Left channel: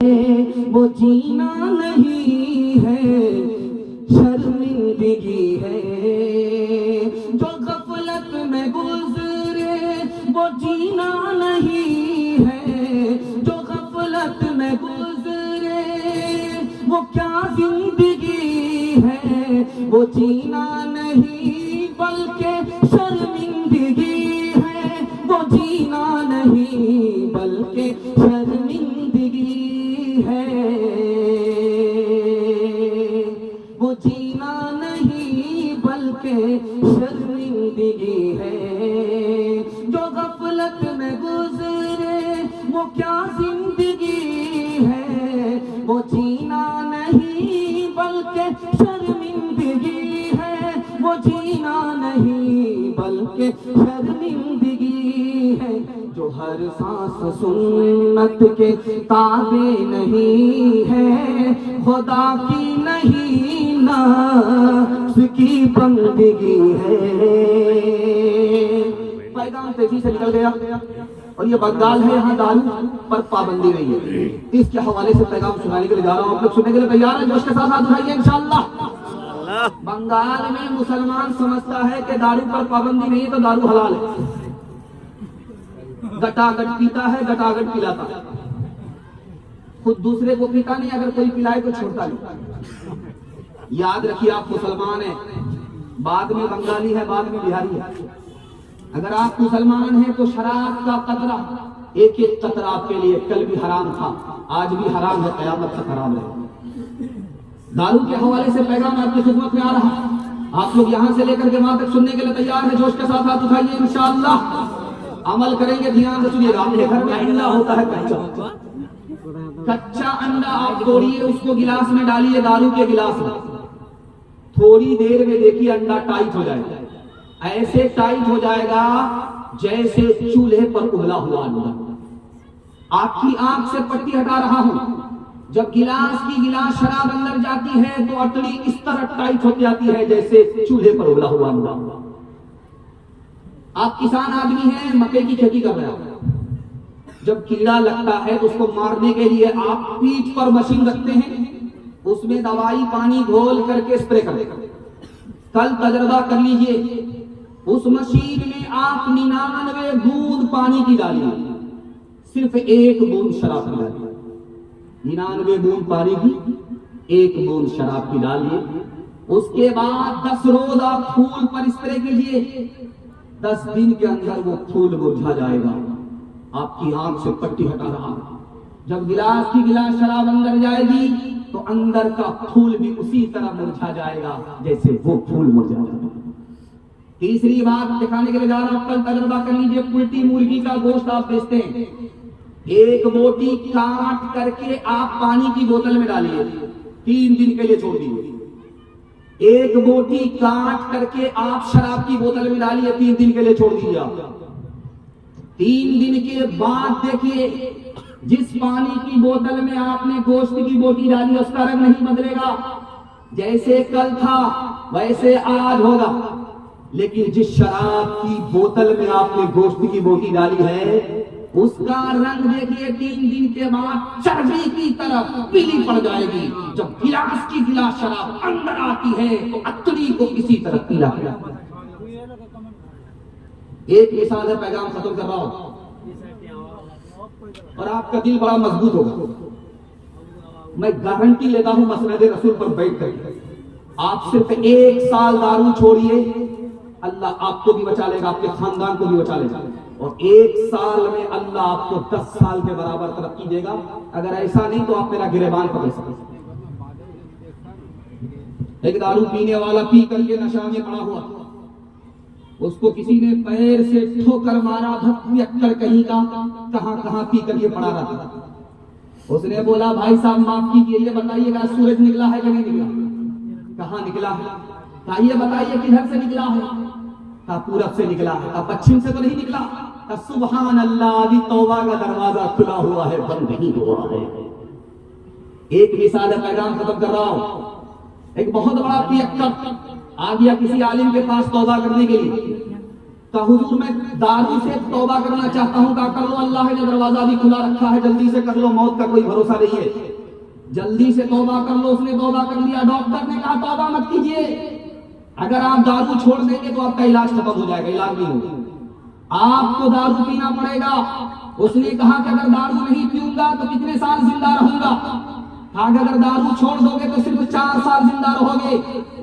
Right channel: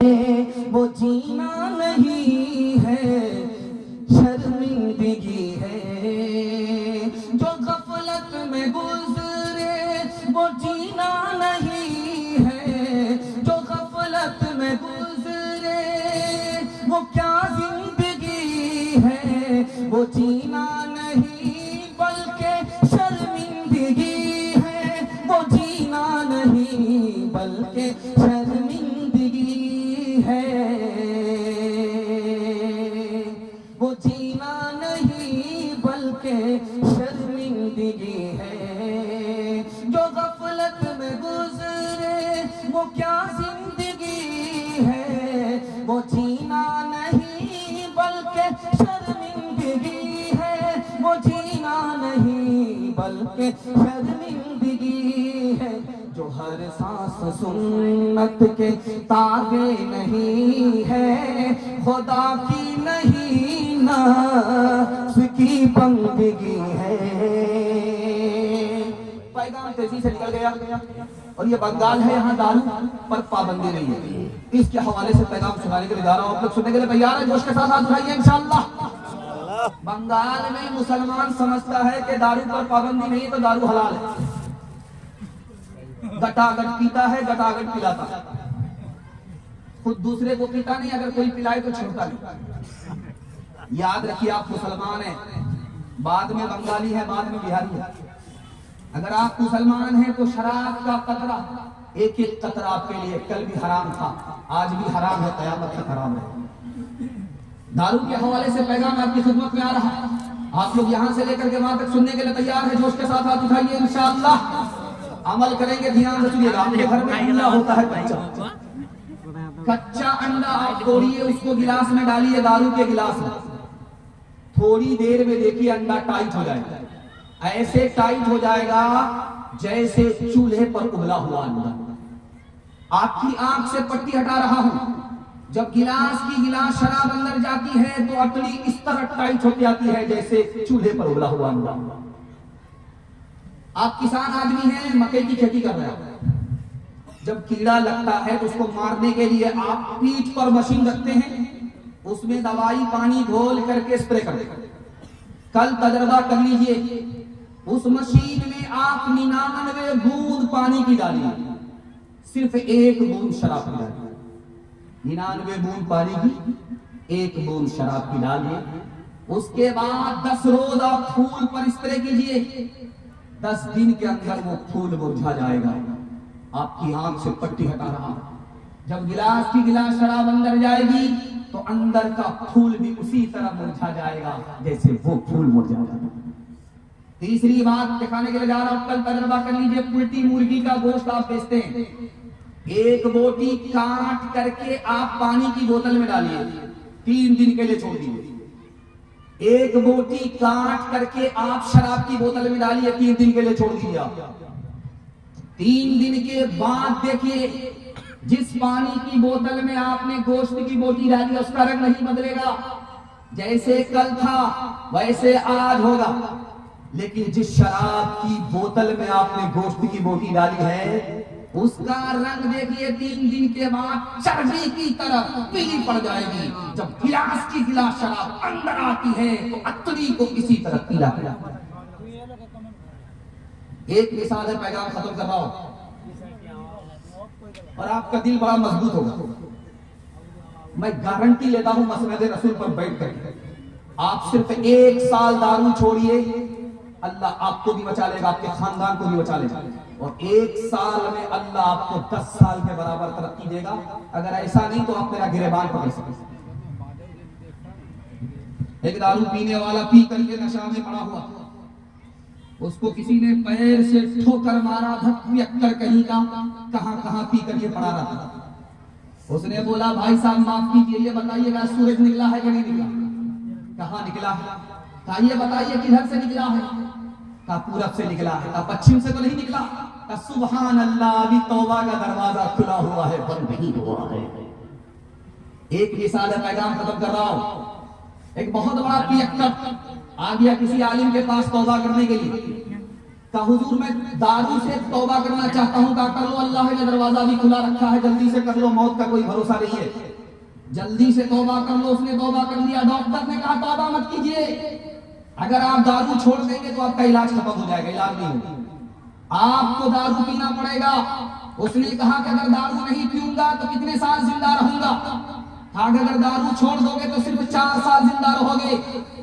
वो जीना नहीं है, शर्मिंदगी है। जो गफलत में गुजरे वो जीना नहीं है, जो गफलत में गुजरे वो क्या जिंदगी है। वो जीना नहीं बल्कि शर्मिंदगी है, वो जीना नहीं बल्कि शर्मिंदगी है। वो जीना नहीं बल्कि शर्मिंदगी है। जो गफलत में गुजरे वो क्या जिंदगी है। वो जीना नहीं बल्कि शर्मिंदगी है। वो जीना नहीं बल्कि शर्मिंदगी है। जो हर सांस सुन्नत के ताबे नहीं है, खुदा की नहीं नफ्स की बंदगी है। पैगाम तेजी से निकल गया और ये बंगाल है, यहाँ दारू पर पाबंदी नहीं है। इसके हवाले से पैगाम सुनाने के लिए जा रहा हूँ। आप लोग सुनने के लिए तैयार हैं? जोश के साथ हाथ उठाइए इंशाअल्लाह। बंगाल में मुसलमान समझता है कि दारू पर पाबंदी नहीं है तो दारू हलाल है। गटागट पीता है, गटागट पिलाता है, खुद दूसरे को पीता नहीं, अगर कोई पिलाए तो छोड़ता नहीं। याद रखिए, आप मुसलमान हैं, बाद में बंगाली है, बाद में बिहारी है। अगर आप मुसलमान हैं तो शराब का कतरा, एक एक कतरा आपके लिए कल भी हराम था, आज भी हराम है, कयामत तक हराम है। दारू के हवाले से पैगाम आपकी खिदमत में आ रहा है। आप लोग यहाँ से लेकर के वहां तक सुनने के लिए तैयार हैं? जोश के साथ हाथ उठाइए, इंशाअल्लाह अमल करेंगे। ध्यान से सुनिएगा। आपके घर में अंडा होता है कच्चा, कच्चा अंडा आप तोड़िए, उसको गिलास में डालिए, दारू के गिलास में, थोड़ी देर में देखिए अंडा टाइट हो जाएगा। ऐसे टाइट हो जाएगा जैसे चूल्हे पर उबला हुआ अंडा। आपकी आंख से पट्टी हटा रहा हूं। जब गिलास शराब अंदर जाती है तो अतड़ी इस तरह टाइट हो जाती है जैसे चूल्हे पर उबला हुआ अंडा। आप किसान आदमी हैं, मकई की खेती कर रहे हैं। जब कीड़ा लगता है तो उसको मारने के लिए आप पीठ पर मशीन रखते हैं, उसमें दवाई पानी घोल करके स्प्रे करते हैं। कल तजर्बा कर लीजिए, उस मशीन में आप 99 बूंद पानी की डालिए, सिर्फ 1 बूंद शराब की डालिए। 99 बूंद पानी की 1 बूंद शराब की डालिए। उसके बाद 10 रोज आप फूल पर स्प्रे कीजिए। 10 दिन के अंदर वो फूल मुरझा जाएगा। आपकी आंख से पट्टी हटा रहा। जब गिलास शराब अंदर जाएगी तो अंदर का फूल भी उसी तरह मुरझा जाएगा जैसे वो फूल मुरझा जाता। तीसरी बात दिखाने के लिए जा रहा हूं, कल तजर्बा कर लीजिए। पुल्टी मुर्गी का गोश्त आप बेचते हैं, 1 बोटी काट करके आप पानी की बोतल में डालिए, 3 दिन के लिए छोड़ दीजिए। 1 बोटी काट करके आप शराब की बोतल में डालिए, 3 दिन के लिए छोड़ दीजिए। 3 दिन के बाद देखिए, जिस पानी की बोतल में आपने गोश्त की बोटी डाली उसका रंग नहीं बदलेगा, जैसे कल था वैसे आज होगा। लेकिन जिस शराब की बोतल में आपने गोश्त की बोटी डाली है उसका रंग देखिए 3 दिन के बाद चर्बी की तरह पीली पड़ जाएगी। जब गिलास शराब अंदर आती है तो अतरी को इसी तरह पीला। एक मिसाल है, पैगाम खत्म कर रहा हूं और आपका दिल बड़ा मजबूत होगा। मैं गारंटी लेता हूं मसनद रसूल पर बैठ कर, आप सिर्फ 1 साल दारू छोड़िए, अल्लाह आपको भी बचा लेगा, आपके खानदान को भी बचा लेगा। और 1 साल में अल्लाह आपको 10 साल के बराबर तरक्की देगा। अगर ऐसा नहीं तो आप मेरा गिरेबान पकड़ सकते। एक दारू पीने वाला पी करके नशा में पड़ा हुआ, उसको किसी ने पैर से ठोकर मारा, भक्तियक्कर कहीं का कहां पी करके पड़ा रहा। उसने बोला, भाई साहब माफ कीजिए, ये बताइएगा सूरज निकला है कि नहीं निकला? कहां निकला है? कहा ये बताइए किधर से निकला है? कहा पूरब से निकला है। कहा पश्चिम से तो नहीं निकला? कहा सुभान अल्लाह, अभी तौबा का दरवाजा खुला हुआ है, बंद नहीं हुआ है। एक मिसाल है, पैगाम खत्म कर रहा हूं। एक बहुत बड़ा पियक्कर आ गया किसी आलिम के पास तौबा करने के लिए। का हुजूर मैं दारू से तौबा करना चाहता हूँ। कहा कर लो, अल्लाह ने दरवाजा भी खुला रखा है, जल्दी से कर लो, मौत का कोई भरोसा नहीं है, जल्दी से तौबा कर लो। उसने तौबा कर लिया। डॉक्टर ने कहा तौबा मत कीजिए, अगर आप दारू छोड़ देंगे तो आपका इलाज खत्म हो जाएगा, इलाज नहीं होगा, आपको दारू पीना पड़ेगा। उसने कहा कि अगर दारू नहीं पीऊंगा तो कितने साल जिंदा रहूंगा? कहा कि अगर दारू छोड़ दोगे तो सिर्फ 4 साल जिंदा रहोगे,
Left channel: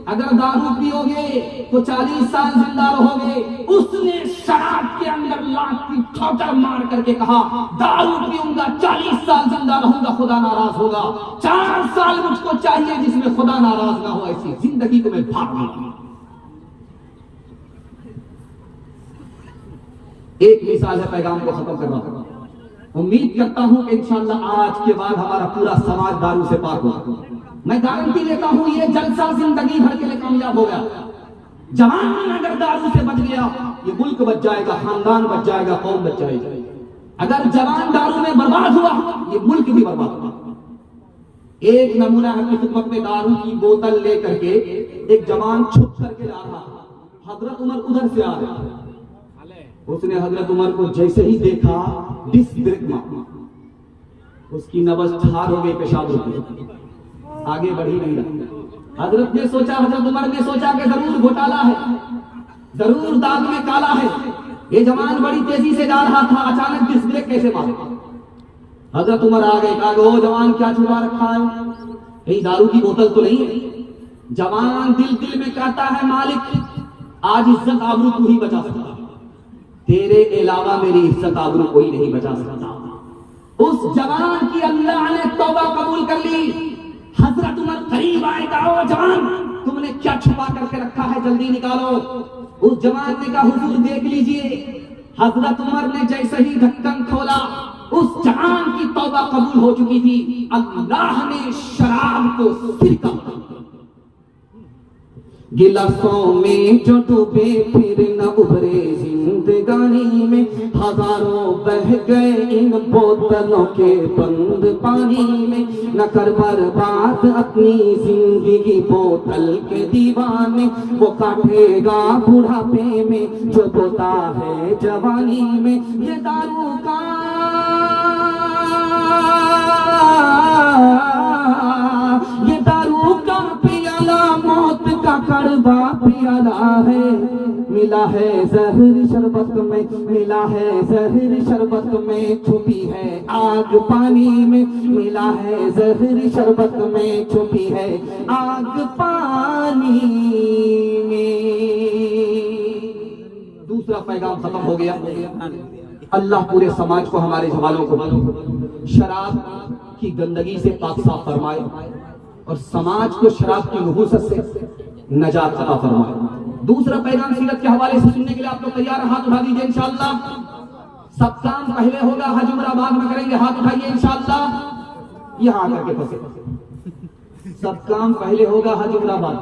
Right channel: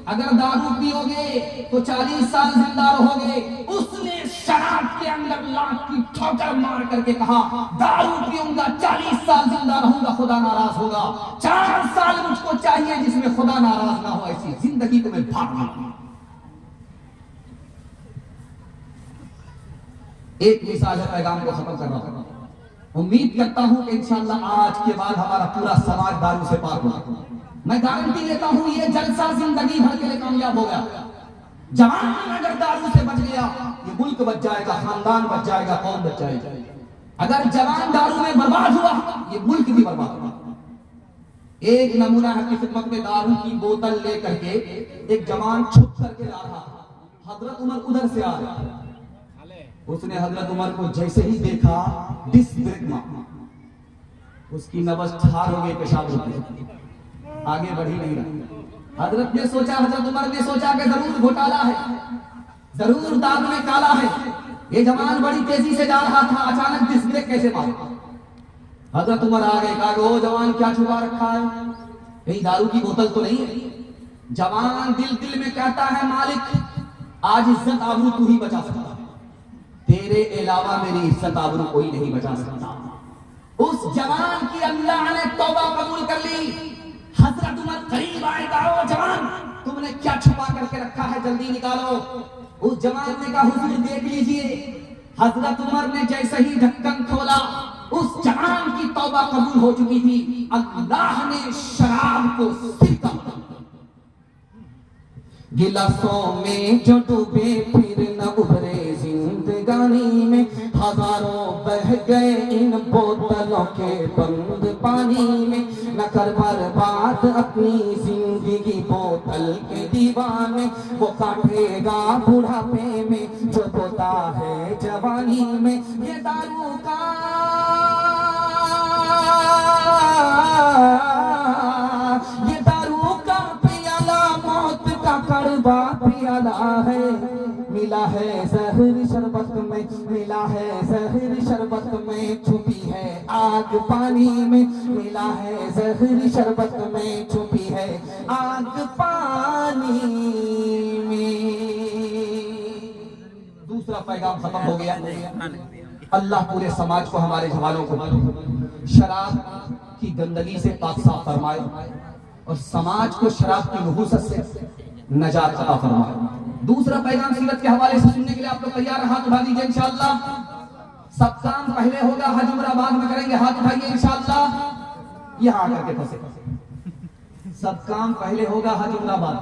अगर दारू पियोगे तो 40 साल जिंदा रहोगे। उसने शराब के अंदर लाख की ठोकर मार करके कहा दारू पीऊंगा 40 साल जिंदा रहूंगा, खुदा नाराज होगा। 4 साल मुझको चाहिए जिसमें खुदा नाराज ना हो, ऐसी जिंदगी को मैं भाग लूंगा। एक मिसाल है, पैगाम को खत्म कर रहा हूं। उम्मीद करता हूं कि इंशाअल्लाह आज के बाद हमारा पूरा समाज दारू से पाक होगा। मैं गारंटी देता हूं ये जलसा जिंदगी भर के लिए कामयाब हो गया। जवान अगर दारू से बच गया, ये मुल्क बच जाएगा, खानदान बच जाएगा, कौम बच जाएगी। अगर जवान दारू में बर्बाद हुआ, ये मुल्क भी बर्बाद हुआ। एक नमूना है कि खिदमत में दारू की बोतल लेकर के एक जवान छुप करके जा रहा था। हजरत उमर उधर से आ रहा, उसने हजरत उमर को जैसे ही देखा डिस ब्रेक मारा, उसकी नब्ज ठार हो गई, पेशाब हो गई, आगे बढ़ी नहीं रहा। हजरत ने सोचा, हजरत उमर ने सोचा कि जरूर घोटाला है, जरूर दाग में काला है। ये जवान बड़ी तेजी से जा रहा था, अचानक डिस ब्रेक कैसे मारा? हजरत उमर आ गए, कहा ओ जवान क्या छुपा रखा है, कहीं दारू की बोतल तो नहीं है? जवान दिल दिल में कहता है मालिक आज इज्जत आबरू तू ही बचा सकता, तेरे अलावा मेरी इज्जत आबरू कोई नहीं बचा सकता। उस जवान की अल्लाह ने तौबा कबूल कर ली। हजरत उमर करीब आए, कहा जवान तुमने क्या छुपा करके रखा है, जल्दी निकालो। उस जवान ने कहा हुजूर देख लीजिए। हजरत उमर ने जैसे ही ढक्कन खोला, उस जवान की तौबा कबूल हो चुकी थी। अल्लाह ने शराब को सिरका, गिलासों में जो डूबे फिर न उभरे जिंदगानी में, हजारों बह गए इन बोतलों के बंद पानी में। न कर बर्बाद अपनी जिंदगी बोतल के दीवाने, वो काटेगा बुढ़ापे में जो बोता है जवानी में। ये दारू का पियाला मौत का कड़वा पियाला है। मिला है जहर शरबत में, मिला है जहर शरबत में, छुपी है आग पानी में। मिला है जहर शरबत में, छुपी है आग पानी में। दूसरा पैगाम खत्म हो गया। अल्लाह पूरे समाज को, हमारे जवानों को शराब की गंदगी से पाक साफ फरमाए और समाज को शराब की नहुसत से नजात अता फरमाए। दूसरा पैगाम सीरत के हवाले से सुनने के लिए आप लोग तैयार हैं? हाथ उठा दीजिए इंशाअल्लाह। सब काम पहले होगा हज उमराबाद में करेंगे, हाथ उठाइए इंशाअल्लाह। यहाँ आकर के फंसे, सब काम पहले होगा हज उमराबाद,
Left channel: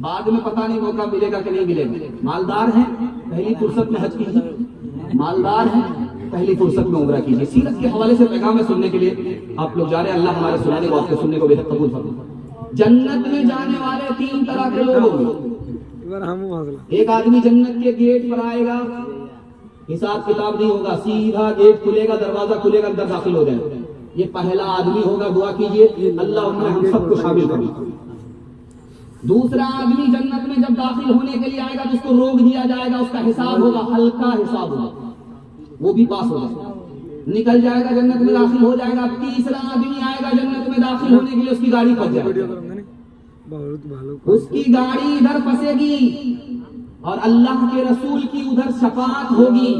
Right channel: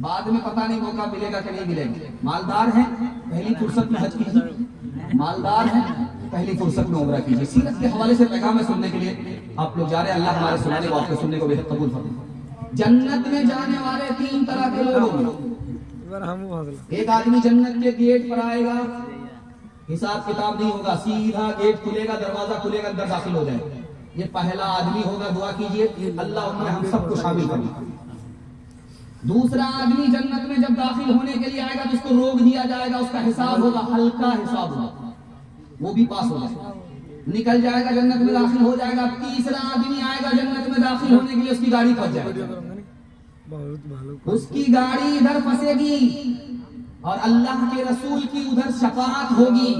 बाद में पता नहीं मौका मिलेगा कि नहीं मिलेगा। मालदार हैं पहली फुर्सत में हज कीजिए, मालदार हैं पहली फुर्सत में उम्रा कीजिए। सीरत के हवाले से पैगाम सुनने के लिए आप लोग जा रहे हैं। अल्लाह हमारे सुनाने को, आपको सुनने को बेहद कबूल फरमाए। जन्नत में जाने वाले 3 तरह के लोग होंगे। एक आदमी जन्नत के गेट पर आएगा, हिसाब किताब नहीं होगा, सीधा गेट खुलेगा, दरवाजा खुलेगा, अंदर दाखिल हो जाएगा। ये पहला आदमी होगा। दुआ कीजिए अल्लाह उनमें हम सबको शामिल करे। दूसरा आदमी जन्नत में जब दाखिल होने के लिए आएगा तो उसको रोक दिया जाएगा, उसका हिसाब होगा, हल्का हिसाब होगा, वो भी पास हो जाएगा, निकल जाएगा, जन्नत में दाखिल हो जाएगा। तीसरा आदमी आएगा जन्नत में दाखिल होने के लिए, उसकी गाड़ी फंस जाएगी, उसकी गाड़ी इधर फंसेगी और अल्लाह के रसूल की उधर शफाअत होगी।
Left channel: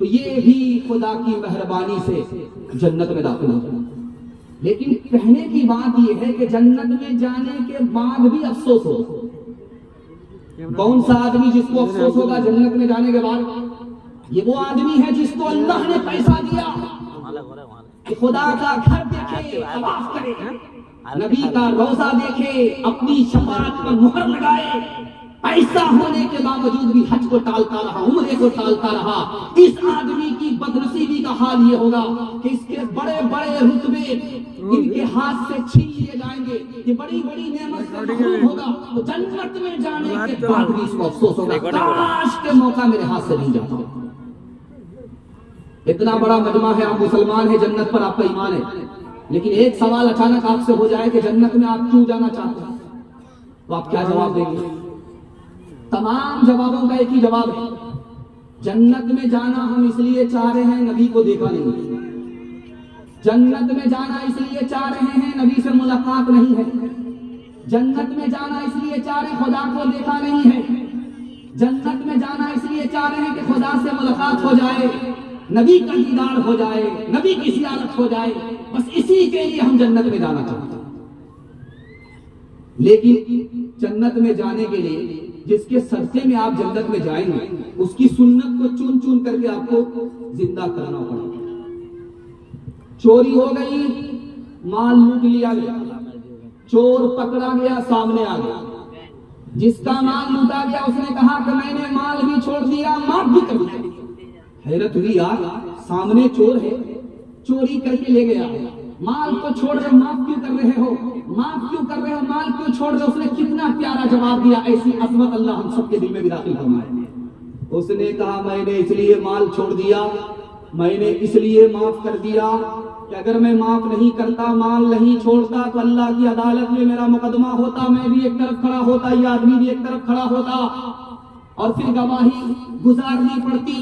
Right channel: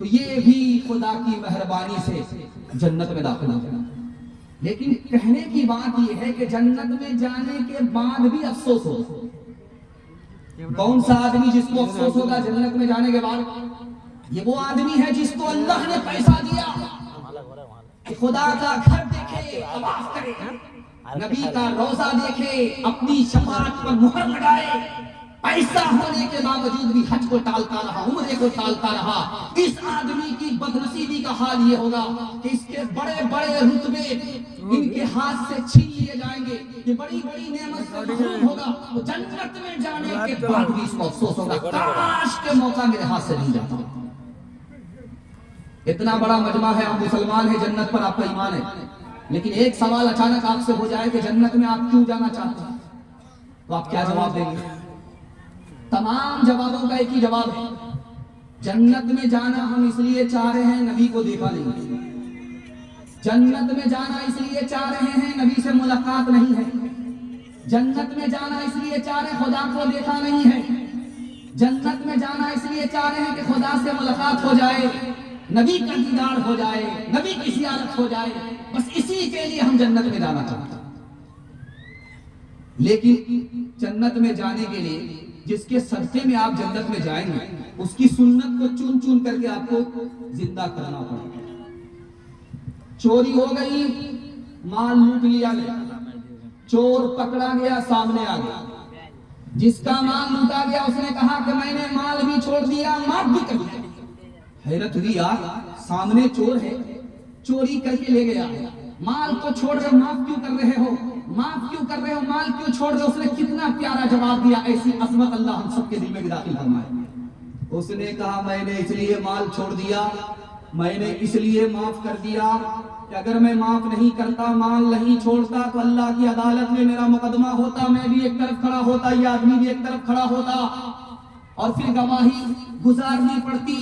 तो ये भी खुदा की मेहरबानी से जन्नत में दाखिल हो जाएगा। लेकिन कहने की बात यह है कि जन्नत में जाने के बाद भी अफसोस हो। कौन सा आदमी जिसको अफसोस होगा जन्नत में जाने के बाद? ये वो आदमी है जिसको अल्लाह ने पैसा दिया कि खुदा का घर देखे, तवाफ करे, नबी का रोजा देखे, अपनी शफाअत पर मुहर लगाए। ऐसा होने के बावजूद भी हज को टालता रहा, उम्रे को टालता रहा। इस आदमी की बदनसीबी का हाल ये होगा कि इसके बड़े बड़े रुतबे इनके हाथ से छीन लिए जाएंगे, ये बड़ी बड़ी नेमत से महरूम होगा। तो जन्नत में जाने के बाद भी इसको अफसोस होगा, काश के मौका मेरे हाथ से नहीं जाता। इतना बड़ा मजमा है, आप मुसलमान है, जन्नत पर आपका ईमान है, लेकिन एक सवाल अचानक आपसे हो जाए कि जन्नत में आप क्यों जाना चाहते हैं, तो आप क्या जवाब देंगे? तमाम जवाबों का एक ही जवाब है, जन्नत में जाना हम इसलिए चाह रहे हैं, नबी को देखा नहीं। जन्नत में जाना इसलिए चाह रहे हैं, नबी से मुलाकात नहीं है। जन्नत में जाना इसलिए चाह रहे हैं, खुदा को देखा नहीं है। जन्नत में जाना इसलिए चाह रहे हैं कि खुदा से मुलाकात हो जाए, नबी का दीदार हो जाए, नबी की ज़ियारत हो जाए, बस इसी के लिए हम जन्नत में जाना चाहते हैं। लेकिन जन्नत में जाने के लिए जिसके सदके में आप जन्नत में जाएंगे, उसकी सुन्नत को चुन चुन करके आपको जिंदा करना पड़ेगा। चोरी हो गई, माल लूट लिया गया, चोर पकड़ा गया, सामने आ गया, जिसका माल लूटा गया उसने कहा कि मैंने माल भी छोड़ दिया, माफ भी कर दिया। हैरत हुई यार, सामने चोर है, चोरी करके ले गया, माल को छोड़ रहे, माफ क्यों कर रहे हो, माफ क्यों कर रहे हो, माल क्यों छोड़ रहे हो? उसने कितना प्यारा जवाब दिया, ऐसी अजमत अल्लाह हम सबके दिल में भी दाखिल फरमाए। उसने कहा मैंने इसलिए माल छोड़ दिया, मैंने इसलिए माफ कर दिया कि अगर मैं माफ नहीं करता, माल नहीं छोड़ता, तो अल्लाह की अदालत में मेरा मुकदमा होता, मैं भी एक तरफ खड़ा होता, ये आदमी भी एक तरफ खड़ा होता, और फिर गवाही गुजारनी पड़ती,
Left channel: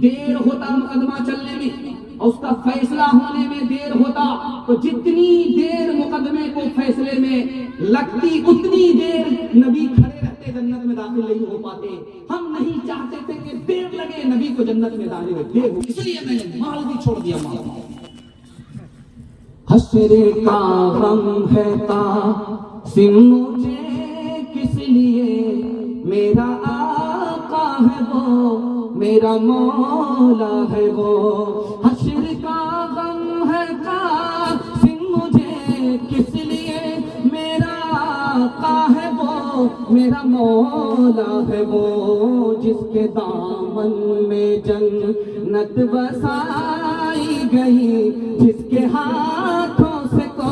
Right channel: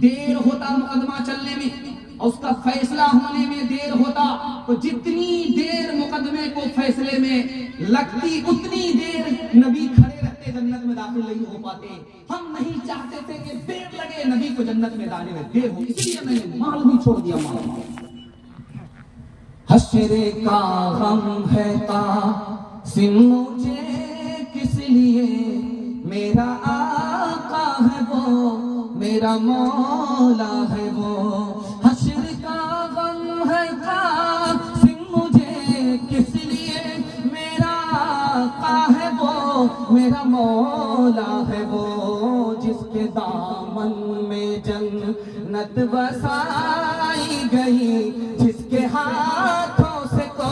देर होता मुकदमा चलने में, और उसका फैसला होने में देर होता। तो जितनी देर मुकदमे को फैसले में लगती, उतनी देर नबी खड़े रहते, जन्नत में दाखिल नहीं हो पाते। हम नहीं चाहते थे कि देर लगे नबी को जन्नत में जाने में, देर हो, इसलिए मैंने माल भी छोड़ दिया। माल हश्र का गम है तासिम मुझे किस लिए, मेरा आका है वो, मेरा मौला है वो। हश्र का गम है तासिम मुझे किस लिए, मेरा आका है वो, मेरा मौला है वो। जिसके दामन में जन्नत बसाई गई, जिसके हाथों से को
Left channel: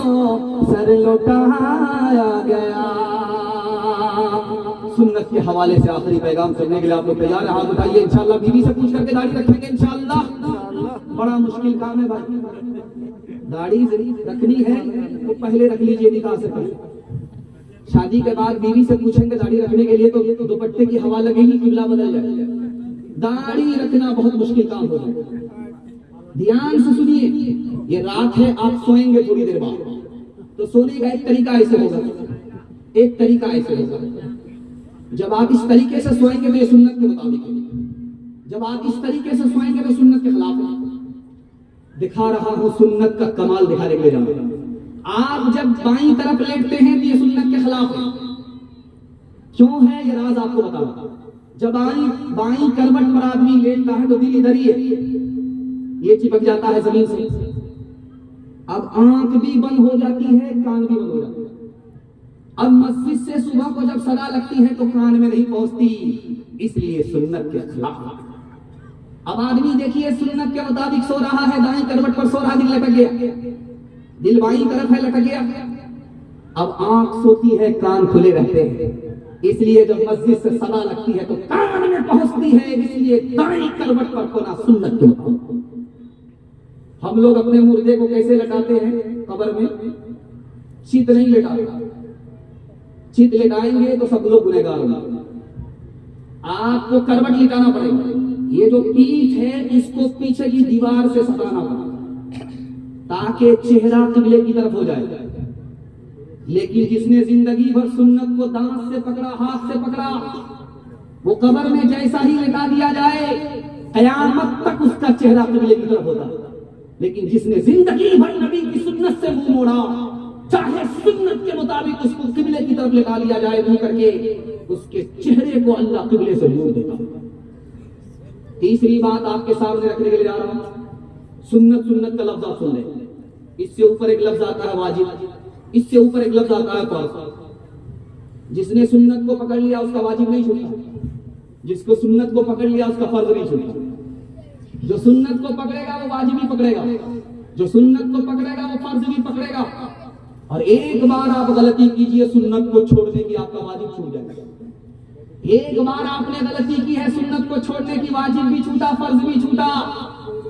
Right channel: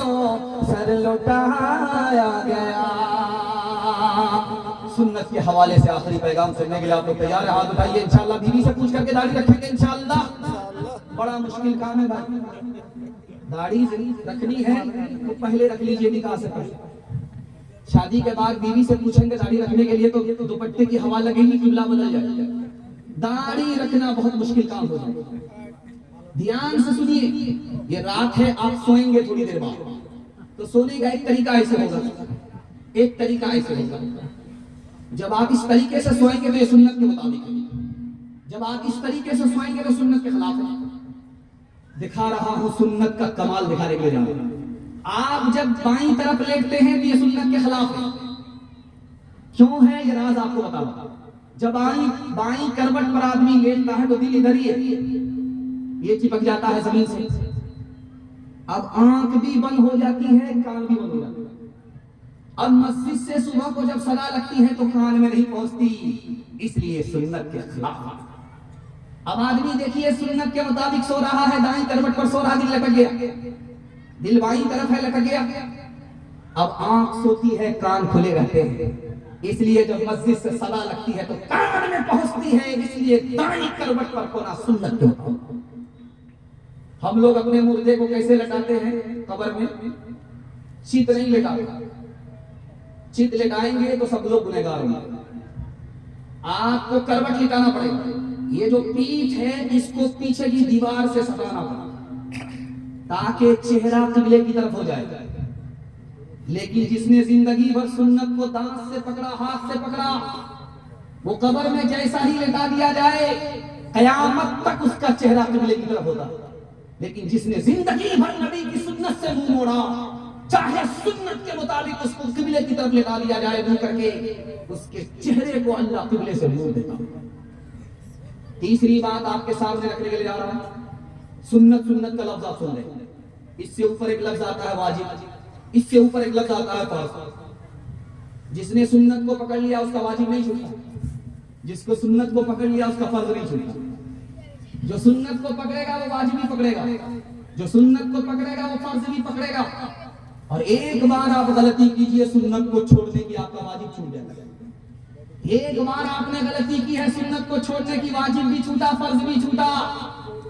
सर लौटाया गया। सुन्नत के हवाले से आखिरी पैगाम सुनने के लिए आप लोग तैयार हैं? हाथ उठाइए, इंशाअल्लाह बीवी से पूछ करके दाढ़ी रखेंगे इंशाअल्लाह। बड़ा मुश्किल काम है भाई, दाढ़ी रखनी है तो पहले रख लीजिए निकाह से पहले। शादी के बाद बीवी से पूछेंगे दाढ़ी रखने के लिए तो दुपट्टे की हवा लगेगी, किबला बदल जाएगा। दाढ़ी रखना बहुत मुश्किल काम हो जाएगा। ध्यान से सुनिए, ये रात है, आप सोएंगे थोड़ी देर बाद, तो सोने का एक तरीका ऐसे होगा, एक तरीका ऐसे होगा, जब आप इस तरीके से सोएंगे तो ये सुन्नत के मुताबिक है, जब आप इस तरीके से सोएंगे तो सुन्नत के खिलाफ है। दिखा रहा हूं सुन्नत का कमाल दिखाने के लिए जा रहा हूं। आप जब बाईं तरफ लेटते हैं तो ये सुन्नत के खिलाफ है। क्यों है ये राज आपको बताऊंगा। जब बाईं करवट पर आदमी लेटता है तो दिल इधर ही है, ये चिपक जाता है जमीन से। अब आंख भी बंद हो जाती है, कान भी बंद हो जाता है। अब मस्जिद से सुबह को जब सदा लगती है तो कान में नहीं पहुंचती, इसलिए सुन्नत के खिलाफ। अब आदमी देखिए सुन्नत के मुताबिक सो रहा है, दाईं करवट पर सो रहा, दिल लटक गया, दिल बाईं तरफ है, लटक गया। अब आंख सोती है, कान खुले रहते हैं, इसलिए जब मस्जिद से सदा लगती है तो कान में पहुंचती है, इसलिए दाईं करवट पर सोना सुन्नत के मुताबिक। हम लोग अपने मुर्दे को कैसे लटाते हैं कब्र में? चित नहीं लेटाते, चित लेटाएंगे तो सब लोग गुनहगार होंगे। आपको करवट लिटाना पड़ेगा, ये जो पीठ है इसको पीछे की दीवार से सटाना पड़ेगा ताकि चेहरा किबले की तरफ हो जाए। लेकिन जिसने जिंदगी भर सुन्नत को दांत से पकड़ा, हाथ से पकड़ा, वो कब्र में जैसा ही लेटा दिया जाए कयामत तक उसका चेहरा किबले की तरफ होता। लेकिन जिसने जिंदगी भर नबी की सुन्नत से मुंह मोड़ा, चाहे सुन्नत के मुताबिक उसको किबले की तरफ लेटा लिया जाए मुंह करके, उसके चेहरे को अल्लाह किबले से मोड़ देता। तीसरी बात आपके सामने रखने के लिए जा रहा हूं, सुन्नत सुन्नत का लफ्ज आप सुन लें। इससे ऊपर एक लफ्ज आता है वाजिब, इससे ऊपर एक लफ्ज आता है फर्ज। जिसने सुन्नत को पकड़ लिया उसका वाजिब नहीं छूटा, जिसको सुन्नत को पकड़ लिया उसका फर्ज नहीं छूटा। जो सुन्नत को पकड़ेगा वो वाजिब भी पकड़ेगा, जो सुन्नत को पकड़ेगा वो फर्ज भी पकड़ेगा। और एक बार आप गलती कीजिए, सुन्नत को छोड़ देंगे, आपका वाजिब छूट जाएगा। एक बार आपने गलती की है, सुन्नत को छोड़ने की, वाजिब भी छूटा, फर्ज भी छूटा,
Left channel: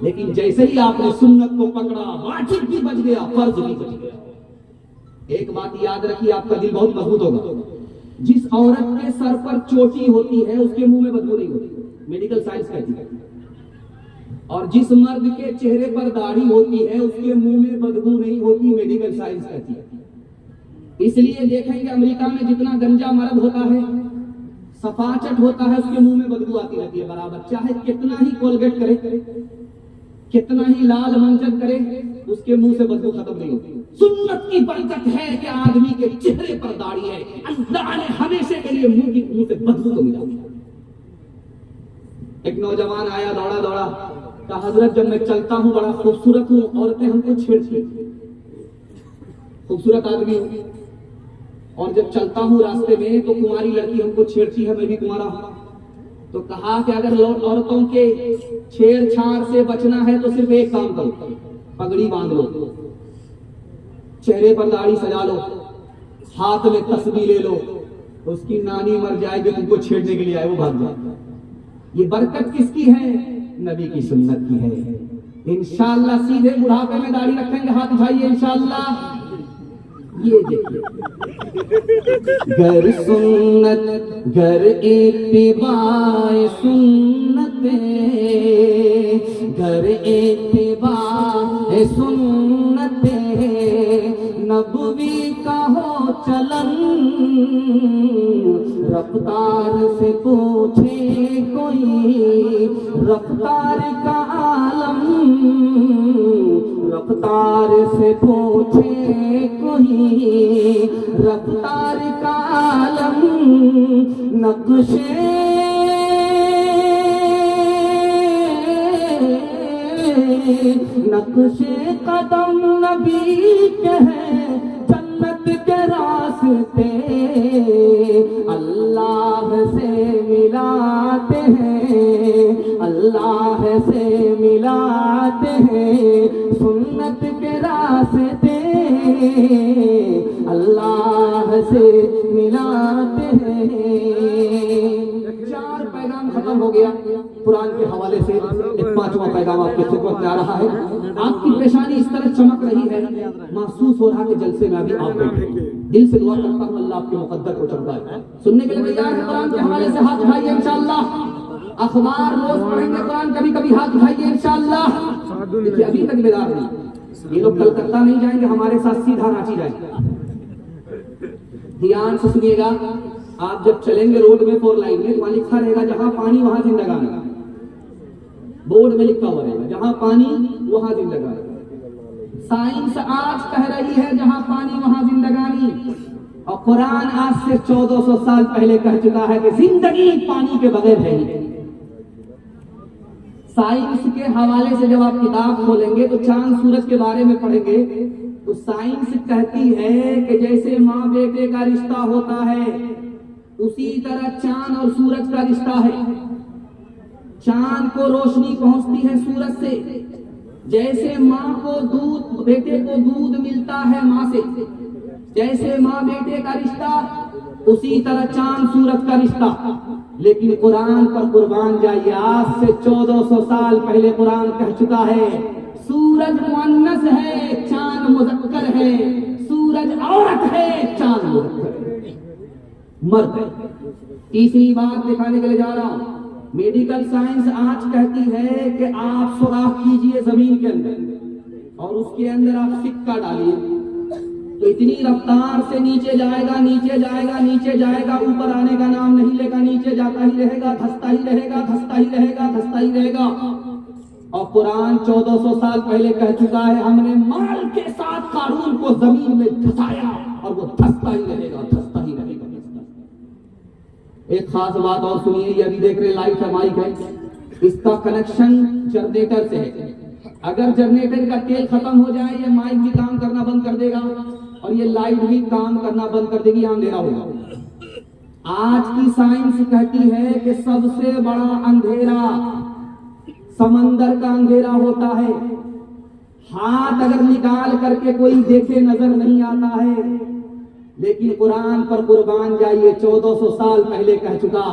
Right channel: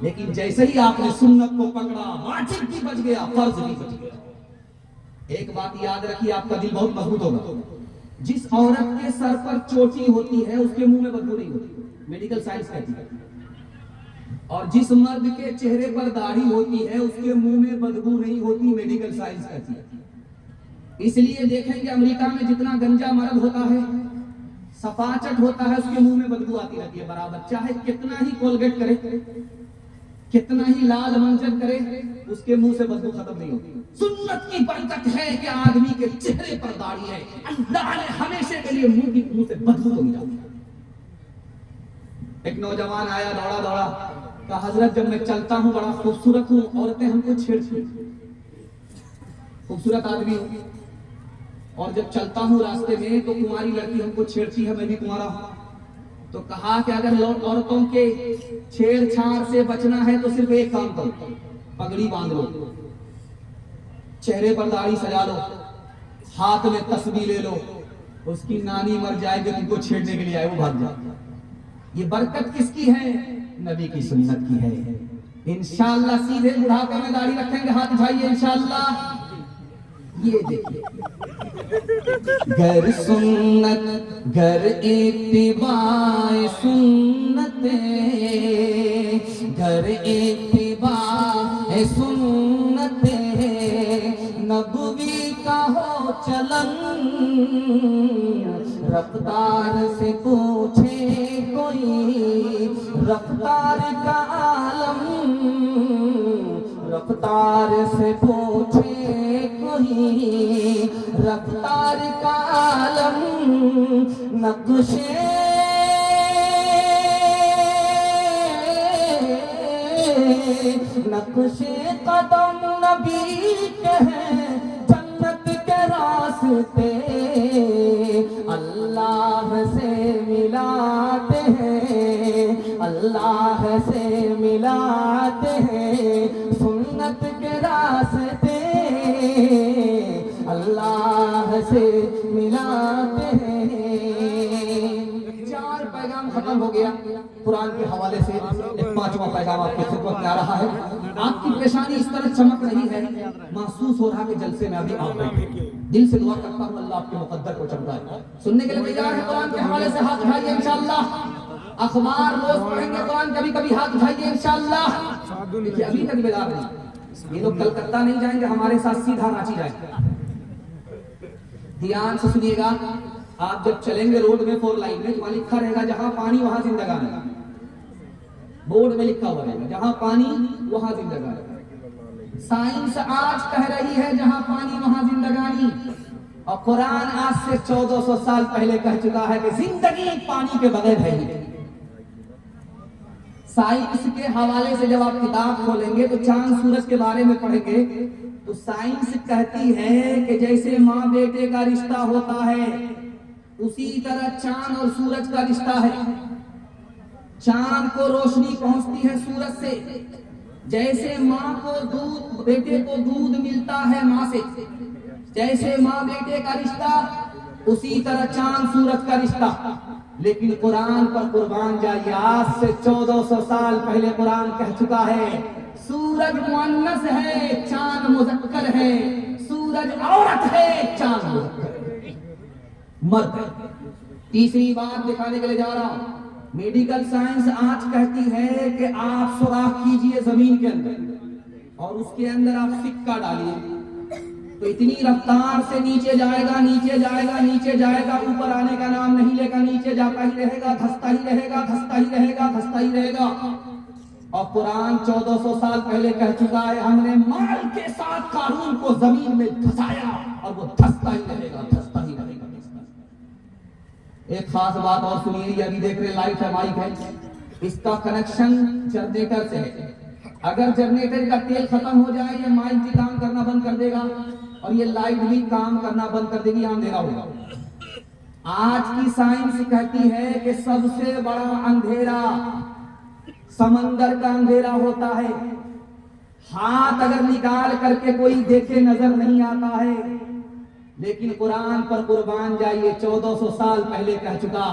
लेकिन जैसे ही आपने सुन्नत को पकड़ा, वाजिब भी बच गया, फर्ज भी बच गया। एक बात याद रखिए, आपका दिल बहुत मजबूत होगा। जिस औरत के सर पर चोटी होती है उसके मुंह में बदबू नहीं होती, मेडिकल साइंस कहती है। और जिस मर्द के चेहरे पर दाढ़ी होती है उसके मुंह में बदबू नहीं होती, मेडिकल साइंस कहती है। इसलिए देखेंगे अमेरिका में जितना गंजा मर्द होता है, सफाचट होता है, उसके मुंह में बदबू आती रहती है बराबर, चाहे कितना ही कोलगेट करे, कितना ही लाल मंजन करे, उसके मुंह से बदबू खत्म नहीं होती। सुन्नत की बरकत है कि आदमी के चेहरे पर दाढ़ी है, अल्लाह ने हमेशा के लिए मुंह से बदबू को मिला। एक नौजवान आया दौड़ा दौड़ा, कहा हजरत जब मैं चलता हूँ बड़ा खूबसूरत हूँ, औरतें हमको छेड़ती, खूबसूरत आदमी हूँ और जब चलता हूँ रास्ते में तो कुंवारी लड़की हमको छेड़ती है, मैं भी कुंवारा हूँ। तो कहा कि अगर औरतों के छेड़छाड़ से बचना है तो सिर्फ एक काम करो, पगड़ी बांध लो, चेहरे पर दाढ़ी सजा लो, हाथ में तस्बीह ले लो, उसकी नानी मर जाएगी तुमको छेड़ने के लिए आए, वो भाग जाए। ये बरकत किसकी है? नबी की सुन्नत की है। इंशाअल्लाह सीधे बुढ़ापे में दाढ़ी रखेंगे, हाथ उठाइए इंशाअल्लाह। ये देखिए, गर सुन्नत गर इत्तिबाए सुन्नत, गर इत्तिबाए सुन्नत, नबवी का हो चलन, रफ्तार से पूछे कोई, रफ्तार का आलम, रफ्तार से पूछे कोई, रफ्तार का आलम, नक्शे नक्शे कदम नबी के हैं, जन्नत के रास्ते अल्लाह से मिलाते हैं, अल्लाह से मिलाते हैं, सुन्नत के रास्ते अल्लाह से मिलाते हैं। 4 पैगाम खत्म हो गया कुरान के हवाले से, एक 5वां पैगाम आपकी खिदमत में आ रहा है। आपकी पेशानी इस तरह चमक रही है, महसूस हो रहा कि जलसे में अभी आप बैठे। दिल से दुआ करता हूँ अल्लाह आपके मुकद्दर को चमकाए। सुनने के लिए तैयार है कुरान के हवाले से? हाथ उठाइए इंशाअल्लाह। अखबार रोज पढ़ेंगे कुरान, कभी कभी हाथ उठाइए इंशाअल्लाह। देखिए अभी तक बेदार नहीं, ये लोग कलकत्ता नहीं जाएंगे, हमारे साथ सीधा रांची जाएंगे। ध्यान से सुनिएगा, आप जब चलेंगे रोड में 4 लाइन में, तो वहां लिखा रहेगा जहां पानी वहां जिंदगानी, बोर्ड में लिखा हुआ रहेगा जहां पानी वहां जिंदगानी। साइंस आज कह रही है जहां पानी वहां जिंदगानी, और कुरान आज से 1400 साल पहले कह चुका है कि जिंदगी पानी के बगैर है ही। साइंस के हवाले से जब आप किताब खोलेंगे तो चांद सूरज के बारे में पढ़ेंगे तो साइंस कहती है कि जैसे माँ बेटे का रिश्ता होता है उसी तरह चांद और सूरज का रिश्ता है। चांद को रोशनी पहुंचती है सूरज से, जैसे माँ को दूध, बेटे को दूध मिलता है माँ से, जैसे माँ बेटे का रिश्ता उसी तरह चांद सूरज का रिश्ता। लेकिन कुरान पर कुर्बान जाइए, आज से 1400 साल पहले कुरान कह चुका है सूरज मुअन्नस है, चांद मुज़क्कर है, सूरज औरत है, चांद मुज़क्कर है, मर्द है। तीसरी बात दिखाने के लिए जा रहा हूं, मेडिकल साइंस आज कहती है कि आप सुराख कीजिए जमीन के अंदर और उसके अंदर आप सिक्का डालिए तो इतनी रफ्तार से नीचे जाएगा, नीचे जाएगा, नीचे जाएगा, ऊपर आने का नाम नहीं लेगा, नीचे जाता ही रहेगा, धंसता ही रहेगा, धंसता ही रहेगा, धंसता ही रहेगा। और कुरान 1400 साल पहले कह चुका है हमने माल के साथ कारून को जमीन में धंसाया और वो धंसता ही रहेगा, धंसता ही रहेगा। एक खास बात और सुनिए, ये अभी देख रहे लाइट है, माइक है, इसका कनेक्शन जनरेटर से है। अगर जनरेटर का तेल खत्म हो जाए ये माइक भी काम करना बंद कर देगा और ये लाइट भी काम करना बंद कर देगी, अंधेरा होगा। आज की साइंस कहती है कि सबसे बड़ा अंधेरा समंदर का अंधेरा होता है। हाथ अगर निकाल करके कोई देखे नजर नहीं आता है, लेकिन कुरान पर कुर्बान जाइए, 1400 साल पहले कह चुका,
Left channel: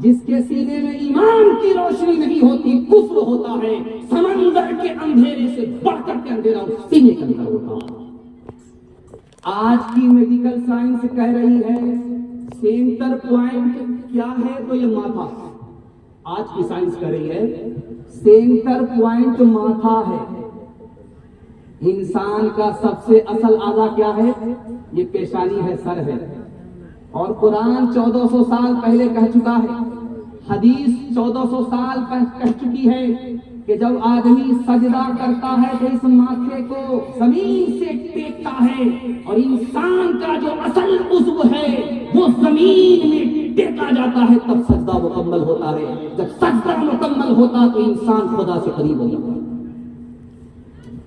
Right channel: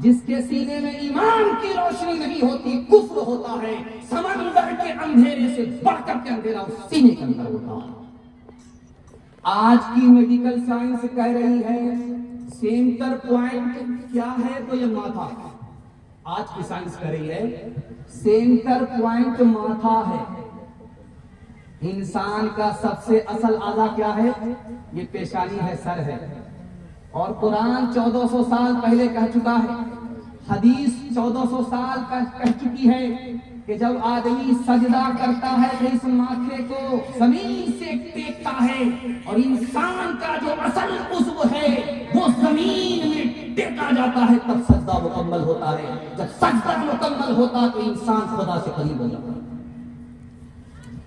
जिसके सीने में ईमान की रोशनी नहीं होती, कुफ्र होता है। समंदर के अंधेरे से बढ़कर के अंधेरा उस सीने के अंदर होता है। आज की मेडिकल साइंस कह रही है सेंटर पॉइंट क्या है, तो ये माथा। आज की साइंस कह रही है सेंटर पॉइंट माथा है। इंसान का सबसे असल आधा क्या है? ये पेशानी है, सर है। और कुरान 1400 साल पहले कह चुका है, हदीस 1400 साल कह चुकी है कि जब आदमी सजदा करता है तो इस माथे को जमीन से टेकता है, और इंसान का जो असल उज़्व है वो जमीन में टेका जाता है, तब सजदा मुकम्मल होता है। जब सजदा मुकम्मल होता तो इंसान खुदा से करीब हो जाता है।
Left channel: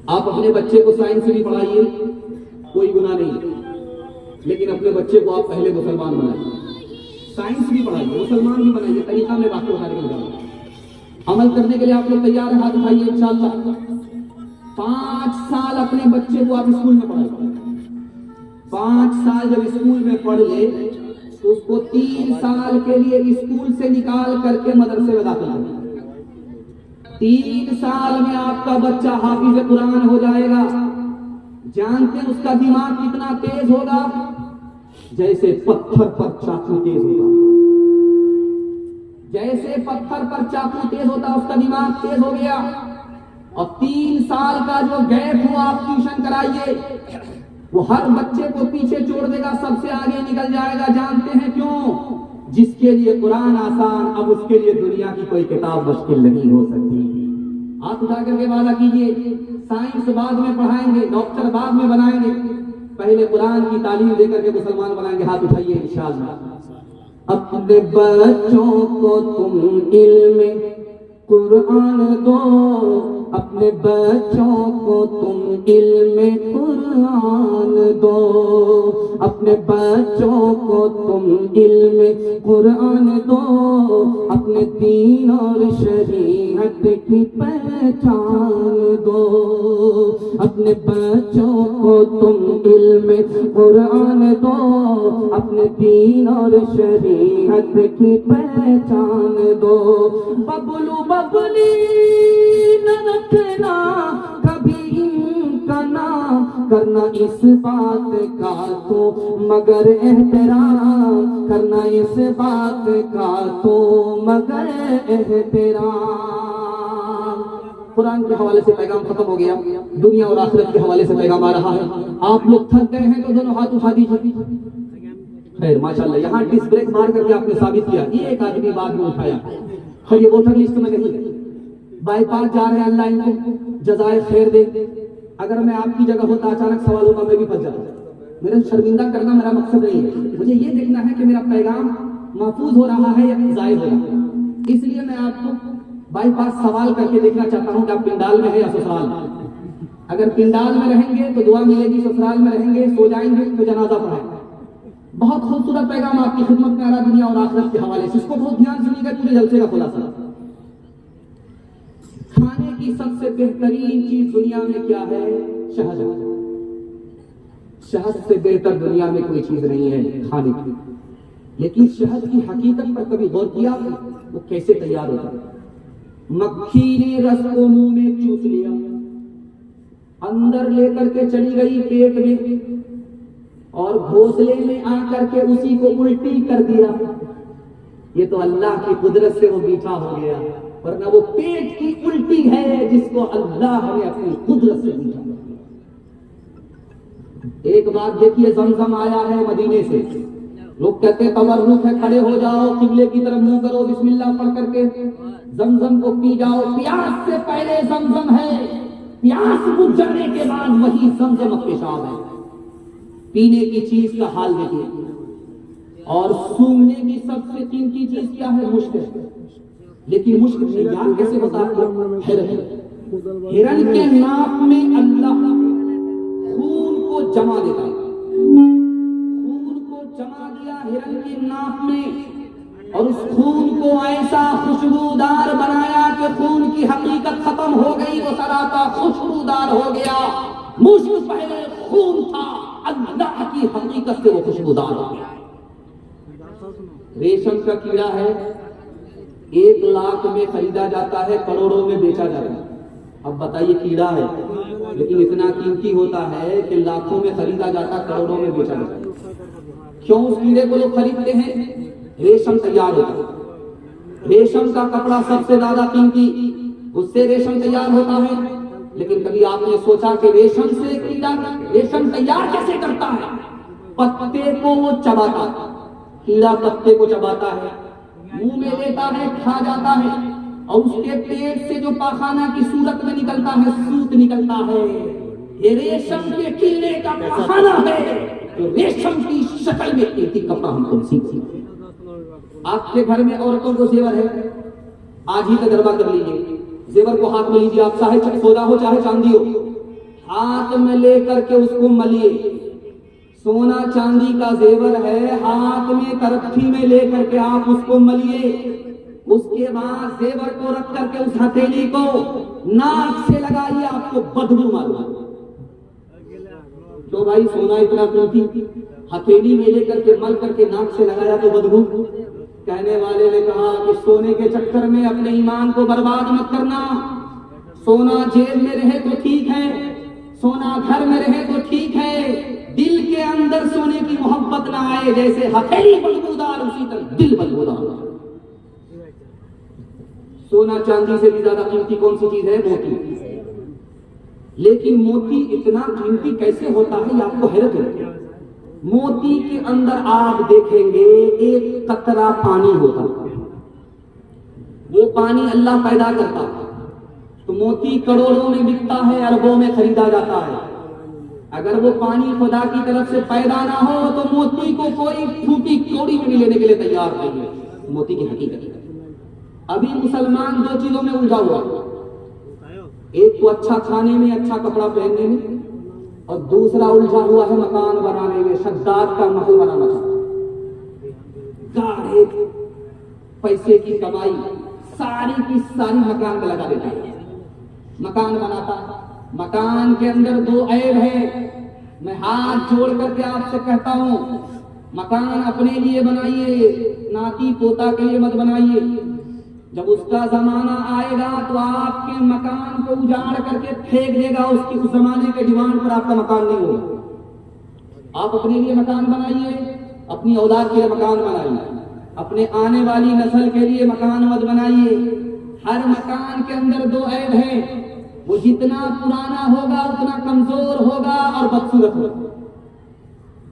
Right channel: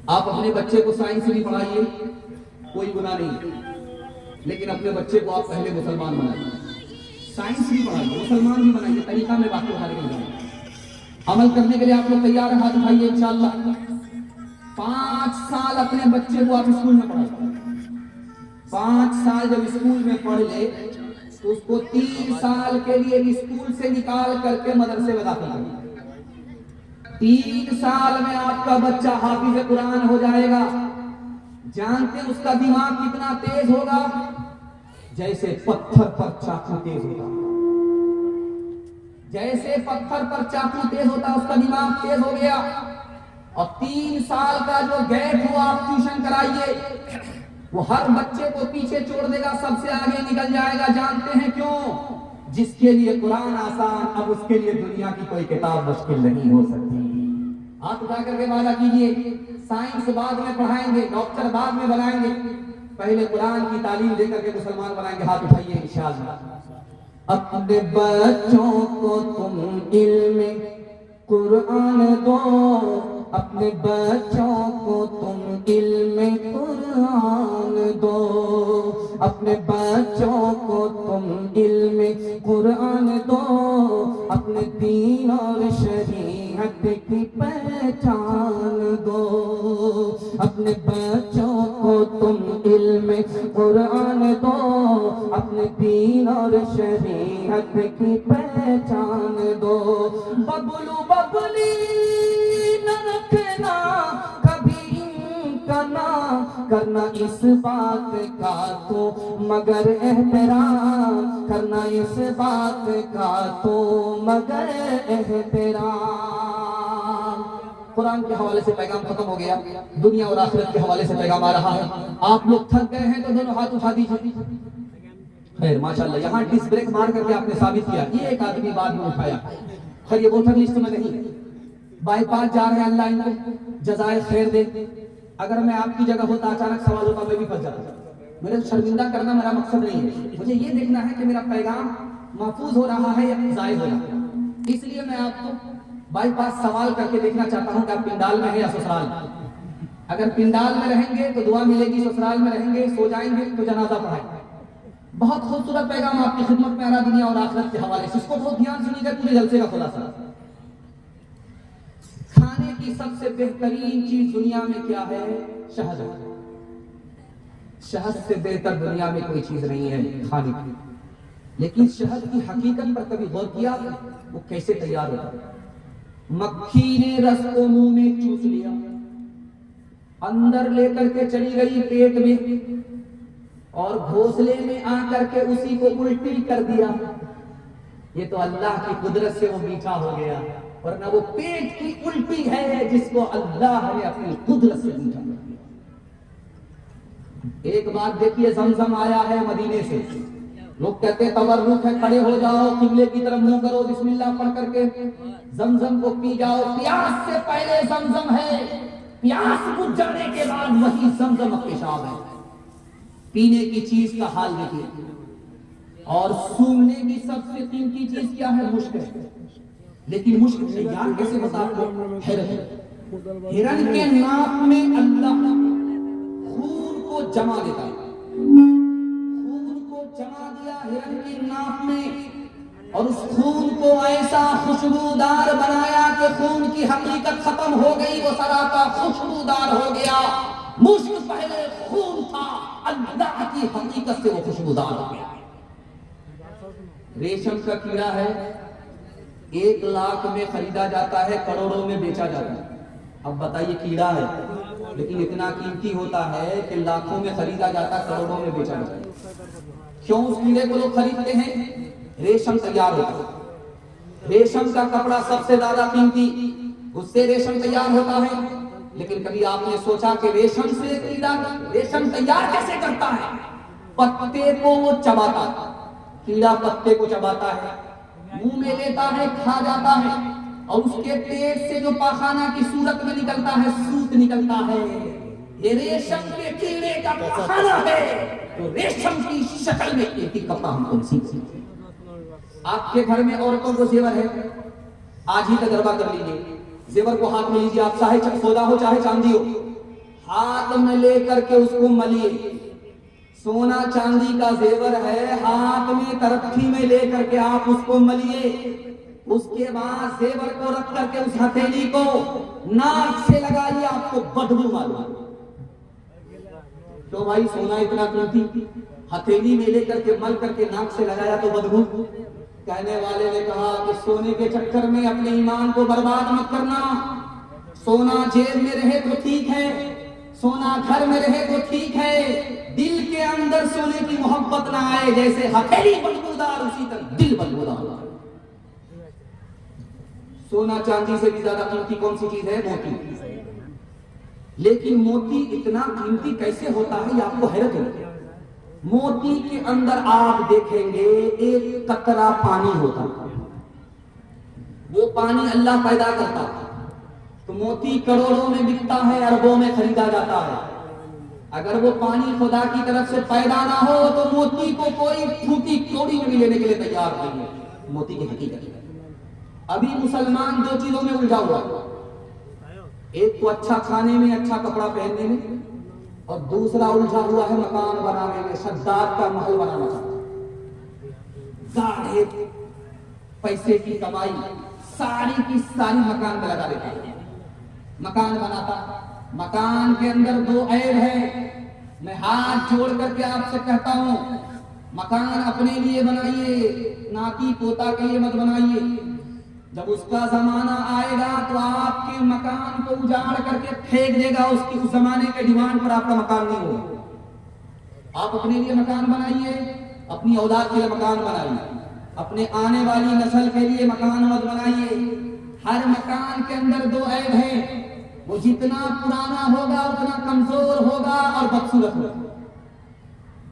आप अपने बच्चे को साइंस भी पढ़ाइए, कोई गुनाह नहीं, लेकिन अपने बच्चे को आप पहले मुसलमान बनाइए। साइंस भी पढ़ाइए, मुसलमान भी बनाइए। तरीका में बातें बताने के लिए, अमल करने के लिए आप लोग तैयार हैं? हाथ उठाइए इंशाअल्लाह। 5 साल अपने बच्चे को आप स्कूल में पढ़ाइए। 5 साल जब स्कूल में पढ़ ले तो उसको 3 साल के लिए स्कूल से निकाल करके मदरसे में दाखिल करिए। 3 साल में आपका बच्चा हाफिज कुरान हो जाएगा। जानते हैं उसका दिमाग कितना तेज होगा? जैसे पत्थर पर चाकू तेज होता। जैसे पत्थर पर चाकू तेज होता, उसका दिमाग तेज हो गया। और 3 साल का जो गैप हुआ, आप ट्यूशन कराइए, वो हर बच्चे को पीछे छोड़ देगा, सबसे आगे निकल जाएगा। जानते हैं क्यों? जिसके लिए कुरान आसान, अब उसके लिए दुनिया की कोई किताब मुश्किल नहीं हो सकती। आप उठा करके वादा कीजिए, साइंस बाद में पढ़ाएंगे, डॉक्टर बाद में बनाएंगे, पहले कुरान की तालीम देकर के मुसलमान बनाएंगे। हाथ उठाइए इंशाअल्लाह। अपने बच्चों को तुम इल्म कुरान दो, अपने बच्चों को तुम इल्म कुरान दो, अपने बच्चों को तुम इल्म कुरान दो, अपने दीन और शरीयत की पहचान दो, अपने बच्चों को तुम इल्म कुरान दो, अपने दीन और शरीयत की पहचान दो। बबलू बबली न रखना कभी इनका नाम, करना इस बात का तो मगर एहतराम, करना इस बात का तो मगर एहतराम। कुरान के हवाले से पैगाम खत्म हो गया, दुनिया और आखिरत के हवाले से पैगाम आ रहा है। आप लोग थक गए हैं तो दोनों हाथ उठा दीजिए। खैर माशाल्लाह, यहाँ डिस्क ब्रेक मार करके आपने साबित किया। ये एक आदमी बाद में उठाया, खैर ये वोटर लिस्ट में नहीं, बाईपास जा रहे हैं, अल्लाह इनको जज़ाए खैर दे। अगर मैं आपकी जगह होता, अचानक सवाल होता, मैं भी फंस जाता। मेरे शर्मिंदा करना मेरा मकसद नहीं है, मुझे ये देखना है कि मेरा पैगाम महफूज हो रहा है या जायज हो रहा है। इसलिए मैं आपको बाईपास सवाल करके देखना चाहता हूं कि आप पिंडाल में है या ससुराल में। अगर पिंडाल में रहेंगे तो दुआ मिलेगी, ससुराल में रहेंगे सो जाएंगे तो जनाजा पढ़ाएंगे। बहुत खूबसूरत पैगाम आपकी खिदमत में आ रहा, दुनिया और आखिरत के हवाले से। इसको बहुत ध्यान सुनिएगा, पूरे जलसे का खुलासा। खाने की सबसे बेहतरीन चीज दुनिया में क्या है? शहद। शहद से बेहतर दुनिया में कोई चीज नहीं है खाने की। लेकिन शहद की हकीकत पर कभी गौर किया? वो कैसे तैयार होता है? मक्खी ने रस को मुंह में चूस लिया, अंदर लेकर के चली गई पेट में, और घोंसले में आकर के उसी को उल्टी कर दिया। ये तो अल्लाह की कुदरत से वो मीठा हो गया, वरना वो पेट की उल्टी है जिसको अल्लाह ने अपनी कुदरत से मीठा कर दिया। एक बात देखिए, जमजम आया है मदीने से। लोग कहते हैं तवर्रुक है, खड़े हो जाओ, किबले की तरफ मुंह करो, बिस्मिल्लाह पढ़ करके जमजम को पी जाओ। प्यास से पहले जमजम है, प्यास बुझ जाने के बाद वही जमजम पेशाब है। पीने की चीज का हाल देखिए। और सूंघने की सबसे कीमती चीज क्या है? मुश्क है। लेकिन मुश्क तैयार कैसे होता है? आपको हिरन के नाक में अल्लाह खून को जमा देता है। खून को जमा दिया हिरन की नाक में, और उस खून को ऐसा खुशबूदार बनाया कि खून की हकीकत खत्म हो गई, वो सरापा खुशबूदार हो गया। मुश्क पहले खून था, अल्लाह की हकीकत से वो खुशबूदार हो गया। रेशम का कीड़ा है, 1 लाख में खरीदा जाता है, करोड़ों में बेचा जाता है। अब बताइए, कीड़ा है लेकिन इतना कीमती होता है कि लाखों में खरीदा जाता, करोड़ों में बेचा जाता है। क्यों उस कीड़े को लोग खरीदते हैं? रेशम तैयार होता है। रेशम का कपड़ा सबसे ज्यादा कीमती, उससे रेशम तैयार होता है। लेकिन कभी आपने सोचा कि रेशम से कीड़ा रेशम तैयार कैसे करता है? पत्ते को वो चबाता है, कीड़ा पत्ते को चबाता है, मुंह में लेता है, खा जाता है, और उसके पेट से जो पाखाना की सूरत में निकलता है, सूत निकलता है, ये रेशम के कीड़े का पाखाना है जो रेशम की शक्ल में एक ही कपड़ा हमको सीखती। आपके घर में औरतों को जेवर है, आज ही तजर्बा कर लीजिए। जेवर को हाथ में लीजिए, आप चाहे सोना हो चाहे चांदी हो, हाथ में लेकर के उसको मलिए। सोना चांदी का जेवर है, हाथ में तरक्की में लेकर के आप उसको मलिए। उसके बाद जेवर को रख करके उस हथेली को नाक से लगाइए, आपको बदबू मालूम। तो भाई सोना इतना कीमती, हथेली में लेकर के मल करके नाक से लगाया तो बदबू। कहने वाले ने कहा कि सोने के चक्कर में अपने ईमान को बर्बाद मत करना। सोना जेब में रहे तो ठीक है, सोना घर में रहे तो ठीक है, दिल के अंदर सोने की मोहब्बत ना आए। जैसे हथेली बदबूदार, उसी तरह दिल बदबूदार। सोना चांदी से भी ज्यादा कीमती कौन सी चीज है? मोती। लेकिन मोती इतना कीमती कैसे होता है, ये आपको हैरत होगी। मोती के अंदर आप देखेंगे एक कतरा पानी होता है, वो पानी अल्लाह पैदा करता है। तो मोती करोड़ों में बिकता है, अरबों में खरीदा जाता है। अगर वो पानी खुदा की तरफ से पैदा ना हो तो मोती को कोई फूटी कौड़ी में भी लेने के लिए तैयार नहीं है। मोती की हकीकत अभी मुसलमान 2 चीजों में उलझा हुआ है, एक तो अच्छा खाने में, अच्छा कपड़ा पहनने में, और दूसरा उलझा हुआ है मकान बनाने में, शद्दाद का महल बनाना चाहता है। गाढ़े पैसे की कमाई सारी की सारी मकान पे लगा देता है, मकान बनाता। मकान के अंदर 2 ऐब है। मैं हाथ जोड़ करके आपसे कहता हूं, मकान अपने लिए बनाइए, नाती पोता के लिए मत बनाइए। जब उसका जमाना आएगा तो आपके मकान को उजाड़ करके फेंक देगा, उसकी उस जमाने के डिमांड पर आपका मकान नहीं होगा। आप अपने लिए मकान बनाइए, अपनी औलाद के लिए मकान बनाइए, अपने आने वाली नस्ल के लिए मकान मत बनाइए। हर मकान के अंदर 2 ऐब हैं, वो जितना पुराना होगा उतना कमजोर होगा और बदसूरत होगा।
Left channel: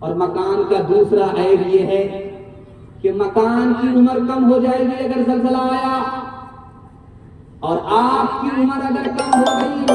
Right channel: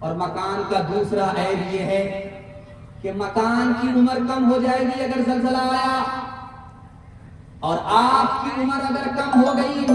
और मकान का दूसरा ऐब ये है कि मकान की उम्र कम हो जाएगी अगर ज़लज़ला आया, और आपकी उम्र अगर कम हो गई,